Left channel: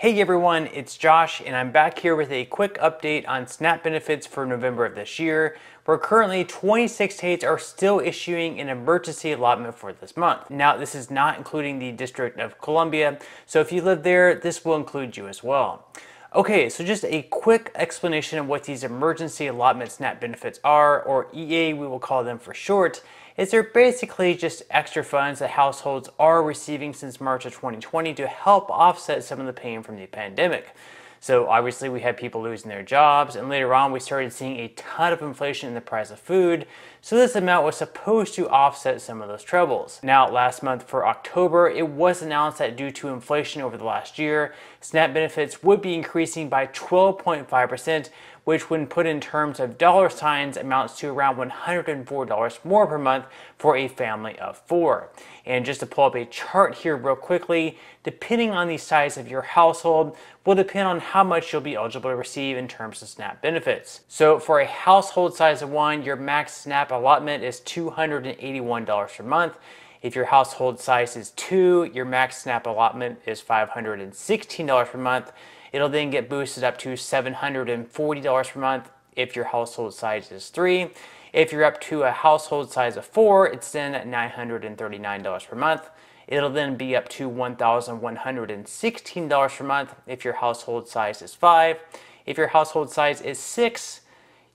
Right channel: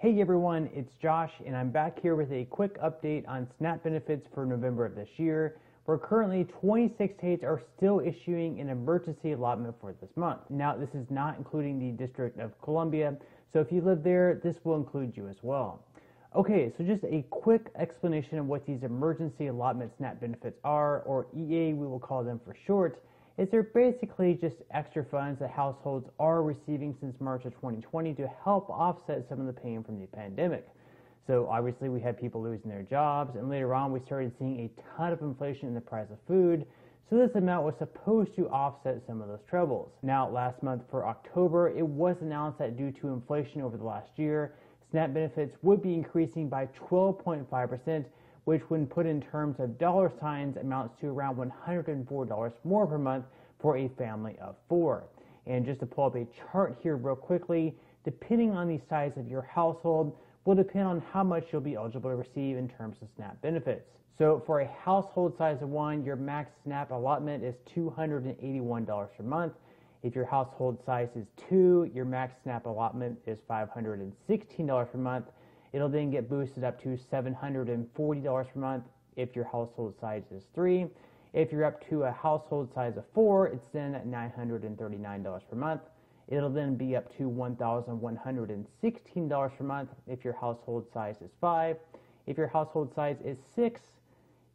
Hey everyone, it's Josh and I'm back here with a quick update on SNAP benefits for November of this year, where currently 26 states are still issuing an emergency allotment for this month. Now, this is not including the District of Columbia, so if you live there, this will include you as well. Okay, so just a quick explanation of what these emergency allotment SNAP benefits are, or EA we will call them for short, is they're basically just extra funds that households are receiving since March of 2020 to help offset some of the pain from the pandemic. So obviously we had people losing their jobs, and later on we started seeing a ton of inflation in the price of food, so this amount was supposed to offset some of those troubles. Now, last month for October, it was announced that due to inflation over the last year, SNAP benefits would be increasing by 12.5%, which when put in terms of dollar signs amounts to around $104 more per month for a family of 4. And just to pull up a chart here real quickly, depending on the size of your household will depend on how much you'll be eligible to receive in terms of SNAP benefits. So for a household size of 1, your max SNAP allotment is $281 per month. If your household size is 2, your max SNAP allotment is $516 per month. It'll then get boosted up to $740 per month if your household size is 3. If you're up to a household size of 4, it's then $939 per month. It'll then be up to $1,116 per month if your household size is 5. If your household size is 6,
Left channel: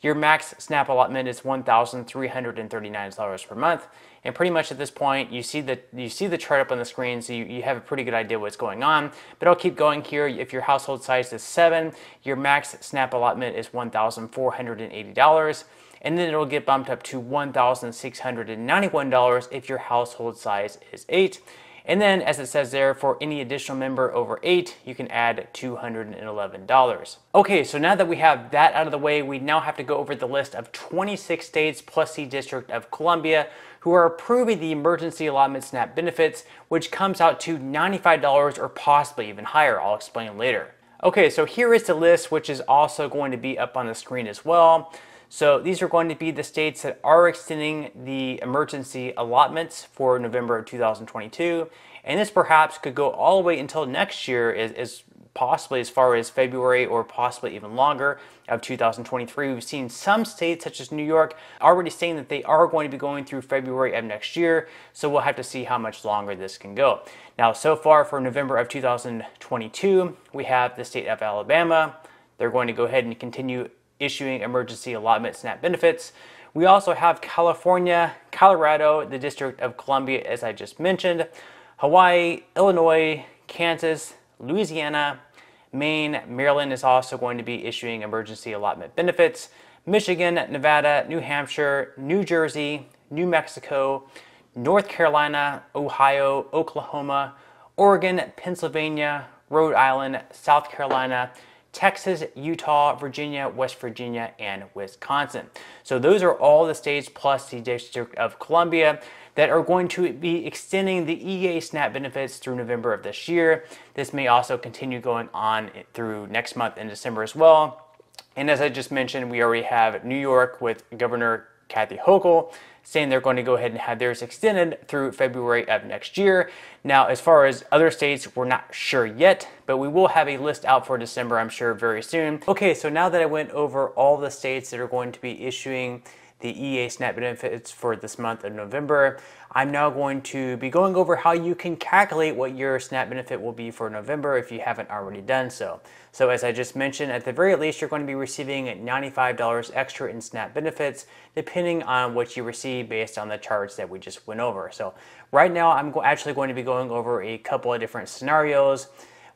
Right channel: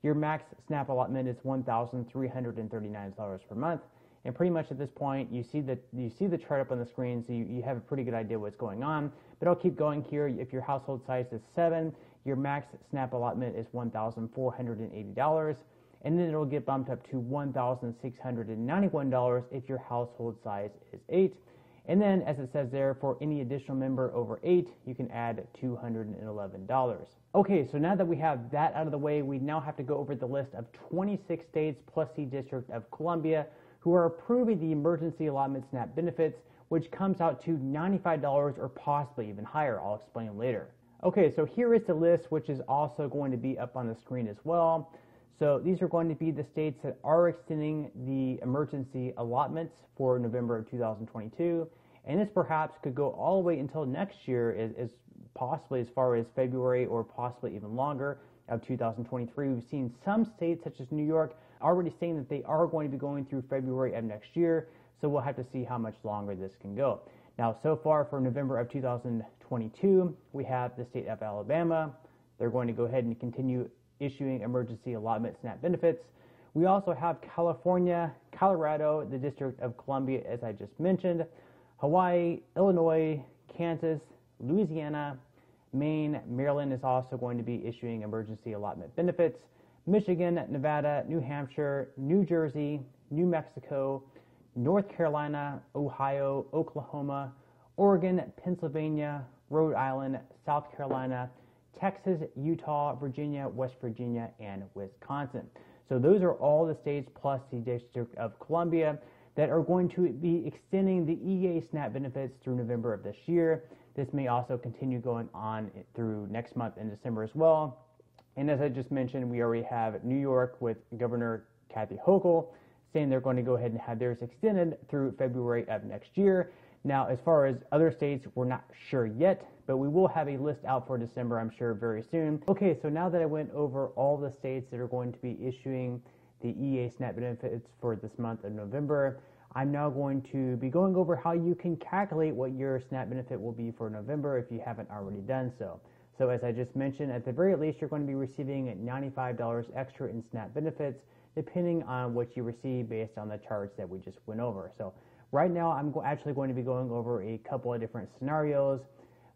your max SNAP allotment is $1,339 per month. And pretty much at this point, you see the chart up on the screen, so you have a pretty good idea what's going on. But I'll keep going here. If your household size is 7, your max SNAP allotment is $1,480. And then it'll get bumped up to $1,691 if your household size is 8. And then, as it says there, for any additional member over 8, you can add $211. Okay, so now that we have that out of the way, we now have to go over the list of 26 states plus the District of Columbia who are approving the emergency allotment SNAP benefits, which comes out to $95 or possibly even higher. I'll explain later. Okay, so here is the list, which is also going to be up on the screen as well. So these are going to be the states that are extending the emergency allotments for November of 2022. And this perhaps could go all the way until next year, as possibly as far as February or possibly even longer of 2023. We've seen some states such as New York already saying that they are going to be going through February of next year. So we'll have to see how much longer this can go. Now, so far for November of 2022, we have the state of Alabama. They're going to go ahead and continue issuing emergency allotment SNAP benefits. We also have California, Colorado, the District of Columbia, as I just mentioned, Hawaii, Illinois, Kansas, Louisiana, Maine, Maryland is also going to be issuing emergency allotment benefits, Michigan, Nevada, New Hampshire, New Jersey, New Mexico, North Carolina, Ohio, Oklahoma, Oregon, Pennsylvania, Rhode Island, South Carolina, Texas, Utah, Virginia, West Virginia, and Wisconsin. So those are all the states plus the District of Columbia that are going to be extending the EA SNAP benefits through November of this year. This may also continue going on through next month in December as well. And as I just mentioned, we already have New York with Governor Kathy Hochul saying they're going to go ahead and have theirs extended through February of next year. Now, as far as other states, we're not sure yet, but we will have a list out for December, I'm sure, very soon. Okay, so now that I went over all the states that are going to be issuing the EA SNAP benefits for this month of November, I'm now going to be going over how you can calculate what your SNAP benefit will be for November if you haven't already done so. So as I just mentioned, at the very least, you're going to be receiving $95 extra in SNAP benefits, depending on what you receive based on the charts that we just went over. So right now, I'm actually going to be going over a couple of different scenarios,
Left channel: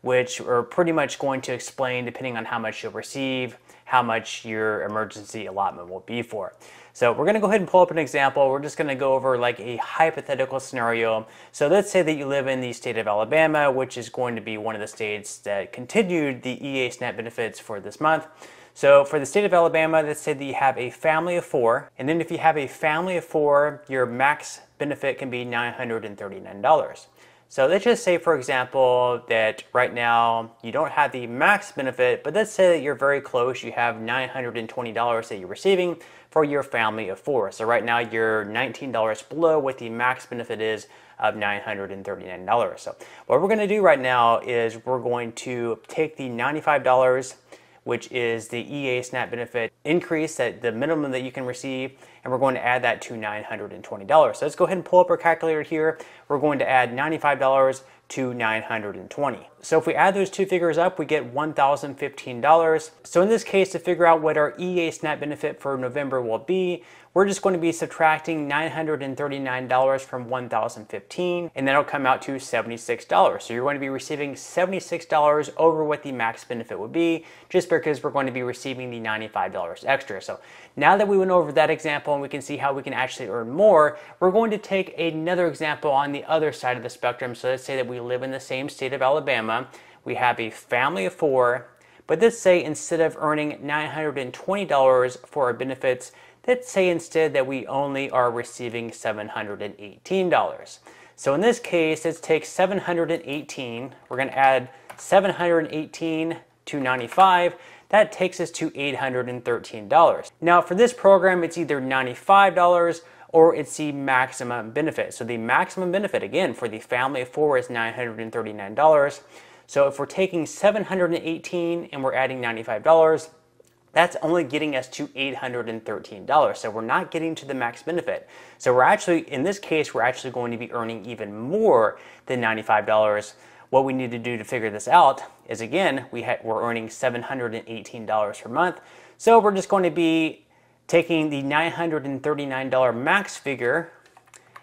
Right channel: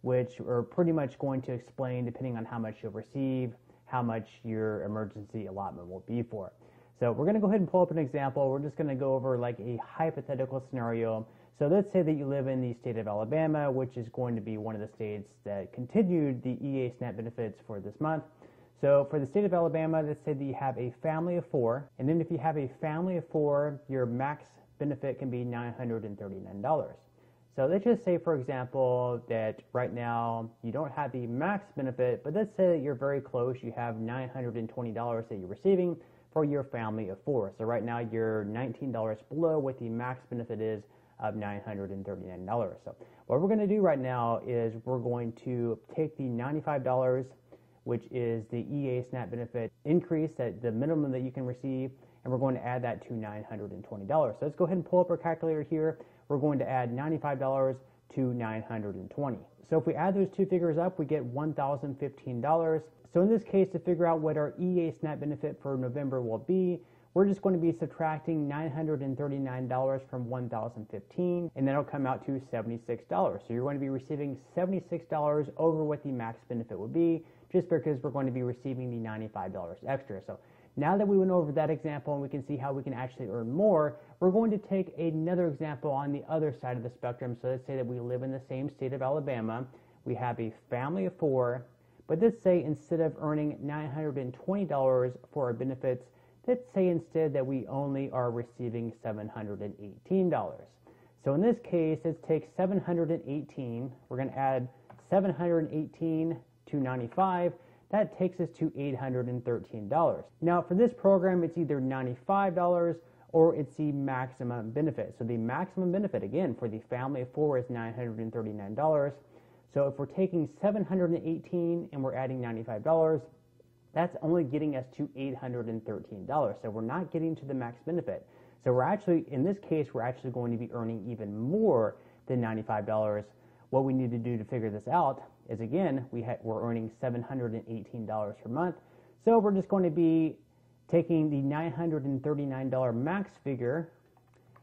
which are pretty much going to explain, depending on how much you'll receive, how much your emergency allotment will be for. So we're going to go ahead and pull up an example. We're just going to go over like a hypothetical scenario. So let's say that you live in the state of Alabama, which is going to be one of the states that continued the EA SNAP benefits for this month. So for the state of Alabama, let's say that you have a family of 4. And then if you have a family of 4, your max benefit can be $939. So let's just say, for example, that right now you don't have the max benefit, but let's say that you're very close. You have $920 that you're receiving for your family of 4. So right now you're $19 below what the max benefit is of $939. So what we're going to do right now is we're going to take the $95, which is the EA SNAP benefit increase, that the minimum that you can receive, and we're going to add that to $920. So let's go ahead and pull up our calculator here. We're going to add $95 to $920. So if we add those two figures up, we get $1,015. So in this case, to figure out what our EA SNAP benefit for November will be, we're just going to be subtracting $939 from $1,015, and that'll come out to $76. So you're going to be receiving $76 over what the max benefit would be, just because we're going to be receiving the $95 extra. So now that we went over that example and we can see how we can actually earn more, we're going to take another example on the other side of the spectrum. So let's say that we live in the same state of Alabama. We have a family of 4, but let's say instead of earning $920 for our benefits, let's say instead that we only are receiving $718. So in this case, let's take 718. We're going to add 718 to 95. That takes us to $813. Now for this program, it's either $95 or it's the maximum benefit. So the maximum benefit, again, for the family of 4 is $939. So if we're taking 718 and we're adding $95, that's only getting us to $813. So we're not getting to the max benefit. So we're actually, in this case, we're actually going to be earning even more than $95. What we need to do to figure this out is, again, we're earning $718 per month. So we're just going to be taking the $939 max figure,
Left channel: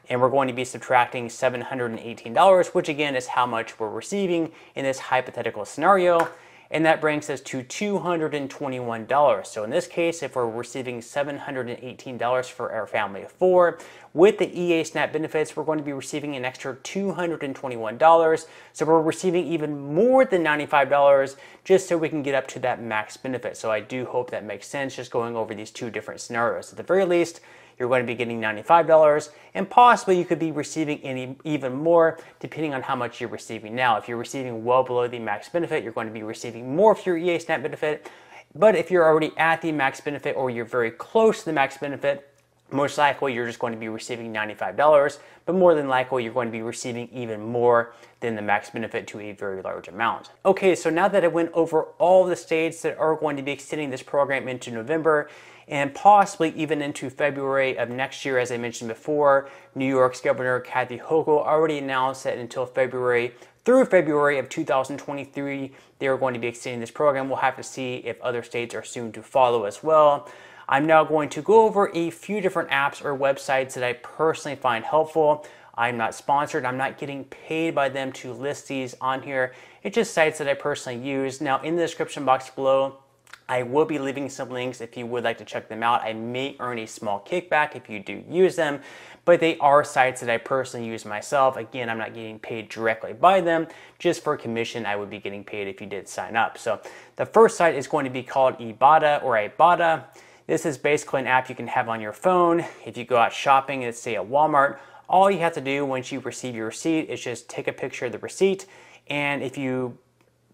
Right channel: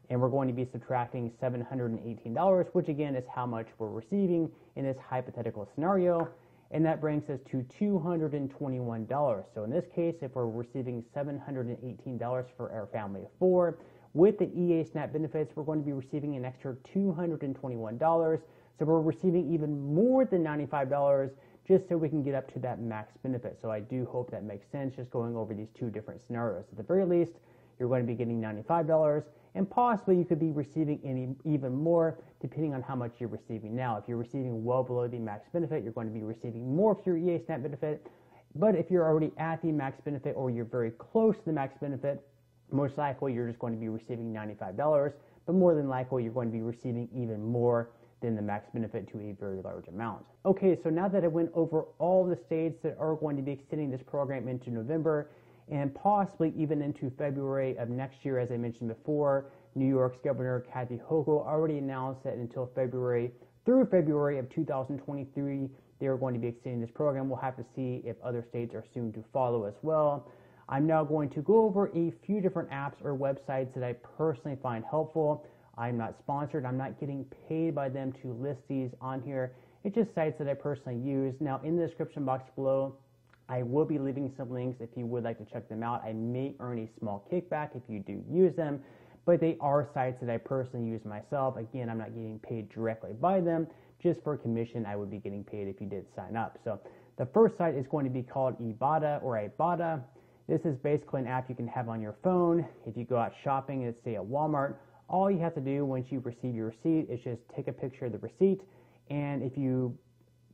and we're going to be subtracting $718, which again is how much we're receiving in this hypothetical scenario. And that brings us to $221. So in this case, if we're receiving $718 for our family of 4, with the EA SNAP benefits, we're going to be receiving an extra $221. So we're receiving even more than $95 just so we can get up to that max benefit. So I do hope that makes sense, just going over these two different scenarios. At the very least, you're going to be getting $95, and possibly you could be receiving even more depending on how much you're receiving now. If you're receiving well below the max benefit, you're going to be receiving more for your EA SNAP benefit. But if you're already at the max benefit or you're very close to the max benefit, most likely you're just going to be receiving $95, but more than likely you're going to be receiving even more than the max benefit to a very large amount. Okay, so now that I went over all the states that are going to be extending this program into November, and possibly even into February of next year, as I mentioned before, New York's Governor Kathy Hochul already announced that until through February of 2023, they are going to be extending this program. We'll have to see if other states are soon to follow as well. I'm now going to go over a few different apps or websites that I personally find helpful. I'm not sponsored. I'm not getting paid by them to list these on here. It's just sites that I personally use. Now, in the description box below, I will be leaving some links if you would like to check them out. I may earn a small kickback if you do use them, but they are sites that I personally use myself. Again, I'm not getting paid directly by them. Just for commission, I would be getting paid if you did sign up. So the first site is going to be called Ibotta or Ibotta. This is basically an app you can have on your phone. If you go out shopping, let's say at Walmart, all you have to do once you receive your receipt is just take a picture of the receipt, and if you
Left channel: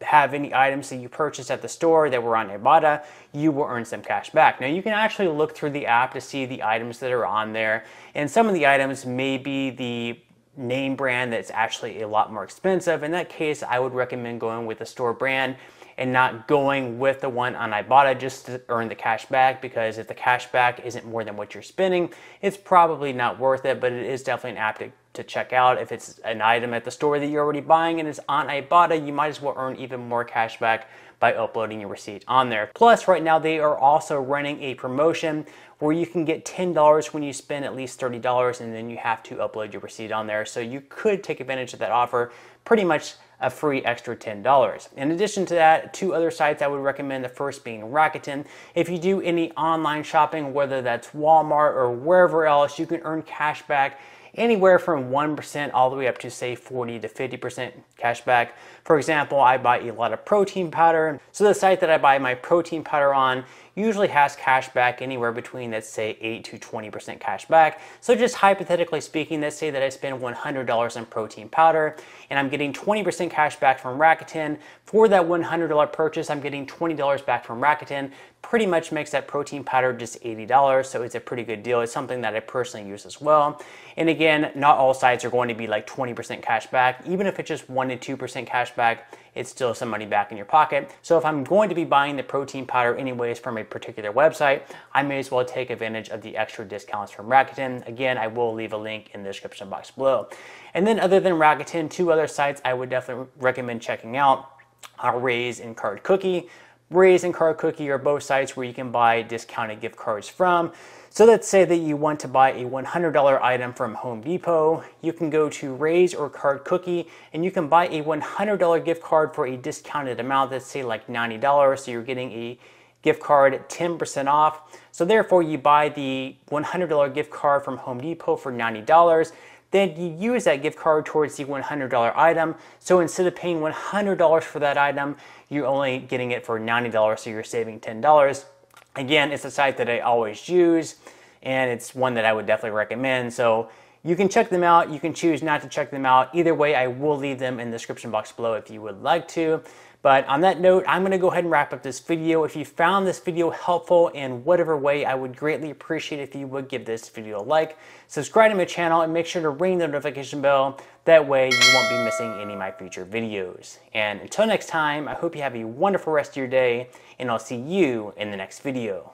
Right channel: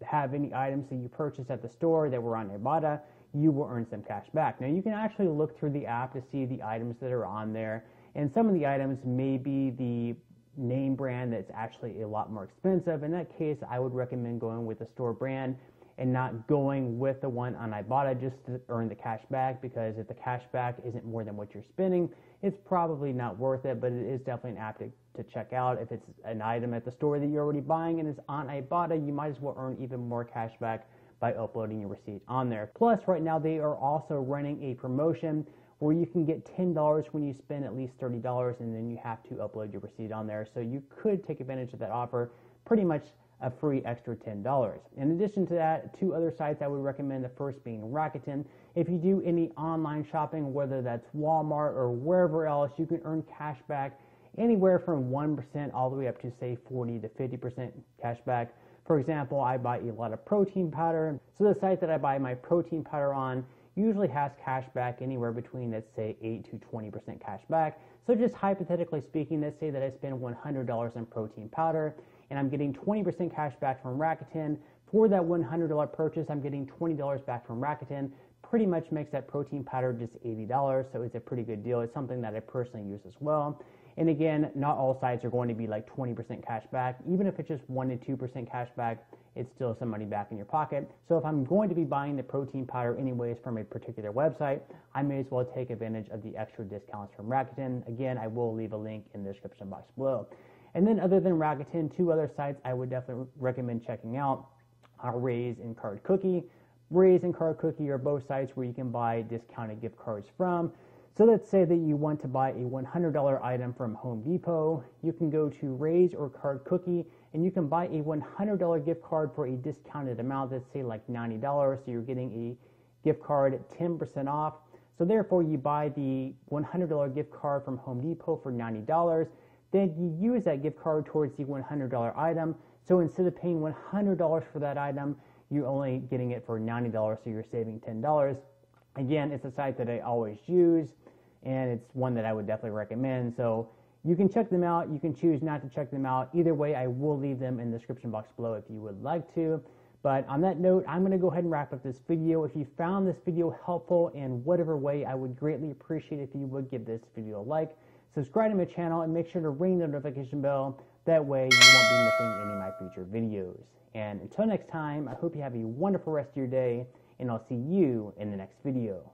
have any items that you purchased at the store that were on Ibotta, you will earn some cash back. Now you can actually look through the app to see the items that are on there, and some of the items may be the name brand that's actually a lot more expensive. In that case, I would recommend going with the store brand and not going with the one on Ibotta just to earn the cash back, because if the cash back isn't more than what you're spending, it's probably not worth it, but it is definitely an app to check out. If it's an item at the store that you're already buying and it's on Ibotta, you might as well earn even more cash back by uploading your receipt on there. Plus, right now they are also running a promotion where you can get $10 when you spend at least $30, and then you have to upload your receipt on there. So you could take advantage of that offer, pretty much a free extra $10. In addition to that, 2 other sites I would recommend, the first being Rakuten. If you do any online shopping, whether that's Walmart or wherever else, you can earn cash back anywhere from 1% all the way up to say 40 to 50% cash back. For For example, I buy a lot of protein powder. So the site that I buy my protein powder on usually has cash back anywhere between, let's say, 8 to 20% cash back. So just hypothetically speaking, let's say that I spend $100 on protein powder and I'm getting 20% cash back from Rakuten. For that $100 purchase, I'm getting $20 back from Rakuten. Pretty much makes that protein powder just $80, so it's a pretty good deal. It's something that I personally use as well. And again, not all sites are going to be like 20% cash back. Even if it's just 1 to 2% cash back, it's still some money back in your pocket. So if I'm going to be buying the protein powder anyways from a particular website, I may as well take advantage of the extra discounts from Rakuten. Again, I will leave a link in the description box below. And then other than Rakuten, 2 other sites I would definitely recommend checking out are Raise and Card Cookie. Raise and Card Cookie are both sites where you can buy discounted gift cards from. So let's say that you want to buy a $100 item from Home Depot. You can go to Raise or Card Cookie and you can buy a $100 gift card for a discounted amount, let's say like $90. So you're getting a gift card 10% off. So therefore you buy the $100 gift card from Home Depot for $90. Then you use that gift card towards the $100 item. So instead of paying $100 for that item, you're only getting it for $90, so you're saving $10. Again, it's a site that I always use, and it's one that I would definitely recommend. So you can check them out. You can choose not to check them out. Either way, I will leave them in the description box below if you would like to. But on that note, I'm going to go ahead and wrap up this video. If you found this video helpful in whatever way, I would greatly appreciate if you would give this video a like, subscribe to my channel, and make sure to ring the notification bell. That way you won't be missing any of my future videos. And until next time, I hope you have a wonderful rest of your day, and I'll see you in the next video.